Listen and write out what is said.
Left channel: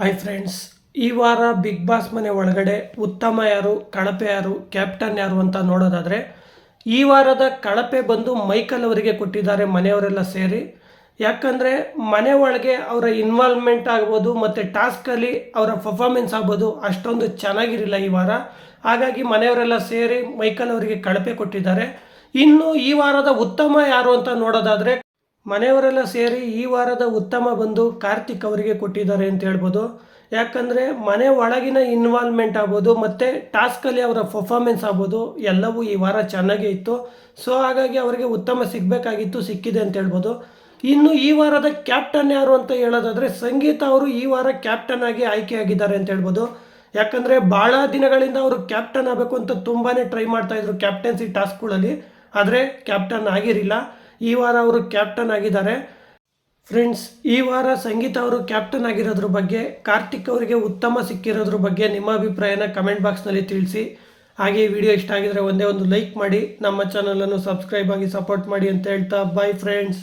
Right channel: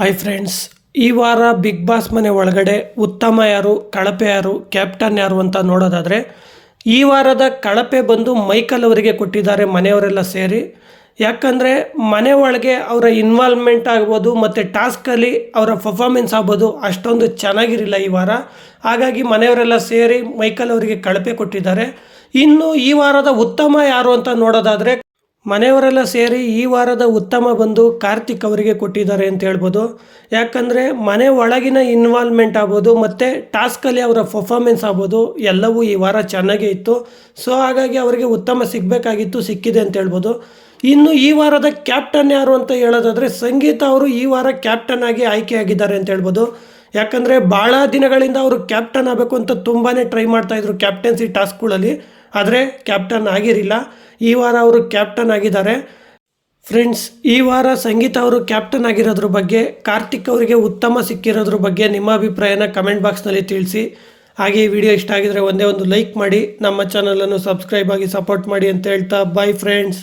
Hi friends, ಈ ವಾರ big boss ಮನೆ ಒಳಗಡೆ ಉತ್ತಮ ಯಾರು, ಕಳಪೆ ಯಾರು, ಕ್ಯಾಪ್ಟನ್ ಯಾರು ಅಂತ ನೋಡೋದಾದರೆ ಈ ವಾರದ ಕಳಪೆ ಬಂದು ಮೈಕಲ್ ಅವರಿಗೆ ಕೊಟ್ಟಿದ್ದಾರೆ ಮನೆಯವರೆಲ್ಲ ಸೇರಿ. ಯಾಕಂದರೆ ಮನೆ ಒಳಗೆ ಅವರ ಇನ್ವಾಲ್ವ್ಮೆಂಟ್ ಆಗ್ಬೋದು ಮತ್ತು ಟಾಸ್ಕಲ್ಲಿ ಅವರ ಪರ್ಫಾರ್ಮೆನ್ಸ್ ಆಗ್ಬೋದು ಅಷ್ಟೊಂದು ಚೆನ್ನಾಗಿರಲಿಲ್ಲ ಈ ವಾರ. ಹಾಗಾಗಿ ಮನೆಯವರೆಲ್ಲ ಸೇರಿ ಮೈಕಲ್ ಅವರಿಗೆ ಕಳಪೆ ಕೊಟ್ಟಿದ್ದಾರೆ. ಇನ್ನು ಈ ವಾರದ ಉತ್ತಮ ಯಾರು ಅಂತ ನೋಡೋದಾದರೆ ಮನೆಯವರೆಲ್ಲ ಸೇರಿ ಈ ವಾರದ ಉತ್ತಮ ಬಂದು ಕಾರ್ತಿಕ್ ಅವರಿಗೆ ಕೊಟ್ಟಿದ್ದಾರೆ ಅಂತ ಹೇಳ್ಬೋದು. ಯಾಕಂದರೆ ಮನೆ ಒಳಗಿನ ಇನ್ವಾಲ್ವ್ಮೆಂಟ್ ಆಗ್ಬೋದು ಮತ್ತು ಟಾಸ್ಕಲ್ಲಿ ಅವರ ಪರ್ಫಾರ್ಮೆನ್ಸ್ ಆಗ್ಬೋದು ಎಲ್ಲವೂ ಈ ವಾರ ಚೆನ್ನಾಗೇ ಇತ್ತು. ಸೊ ಹಾಗಾಗಿ ಅವರಿಗೆ ಉತ್ತಮ ಸಿಗಬೇಕಾಗಿತ್ತು, ಸಿಕ್ಕಿದೆ ಅಂತ ಹೇಳ್ಬೋದು. ಇನ್ನು ಈ ವಾರದ ಕ್ಯಾಪ್ಟನ್ ಯಾರು ಅಂತ ಹೇಳೋದಾದರೆ ಸಂಗೀತ ಅವರು ಈ ವಾರ ಕ್ಯಾಪ್ಟನ್ ಆಗಿ ಆಯ್ಕೆಯಾಗಿದ್ದಾರೆ ಅಂತ ಹೇಳ್ಬೋದು. ಯಾಕಂದರೆ ಭಾಳ ದಿನಗಳಿಂದ ಅವರು ಕ್ಯಾಪ್ಟನ್ ಆಗಬೇಕು ಅಂತ ತುಂಬಾ ಟ್ರೈ ಮಾಡ್ತಾಯಿದ್ರು ಕ್ಯಾಪ್ಟನ್ಸಿ ಟಾಸ್ಕ್ಗಳಲ್ಲಿ, ಆದರೆ ಕ್ಯಾಪ್ಟನ್ ಆಗಿರಲಿಲ್ಲ. ಈ ವಾರ ಅವರು ಕ್ಯಾಪ್ಟನ್ ಆಗಿದ್ದಾರೆ. ಫ್ರೆಂಡ್ಸ್, ಈ ವಾರ ಸಂಗೀತ ಅವರು ಕ್ಯಾಪ್ಟನ್ ಆಗಿರೋದ್ರ ಬಗ್ಗೆ, ಕಾರ್ತಿಕ್ ಅವರಿಗೆ ಉತ್ತಮ ಸಿಕ್ಕಿರೋದ್ರ ಬಗ್ಗೆ ನಿಮ್ಮ ಅಭಿಪ್ರಾಯನ ಕಮೆಂಟ್ ಬಾಕ್ಸ್ನಲ್ಲಿ ತಿಳಿಸಿ. ಹಾಗೆ ಈ ವಿಡಿಯೋ ಇಷ್ಟ ಆಗಿದರೆ ಒಂದೇ ಒಂದು ಲೈಕ್ ಮಾಡಿ, ನಮ್ಮ ಚಾನಲನ್ನು ಸಬ್ಸ್ಕ್ರೈಬ್ ಆಗಿ ಸಪೋರ್ಟ್ ಮಾಡಿ ಅಂತ ಹೇಳ್ತಾ ಬಾಯ್ ಫ್ರೆಂಡ್ಸ್.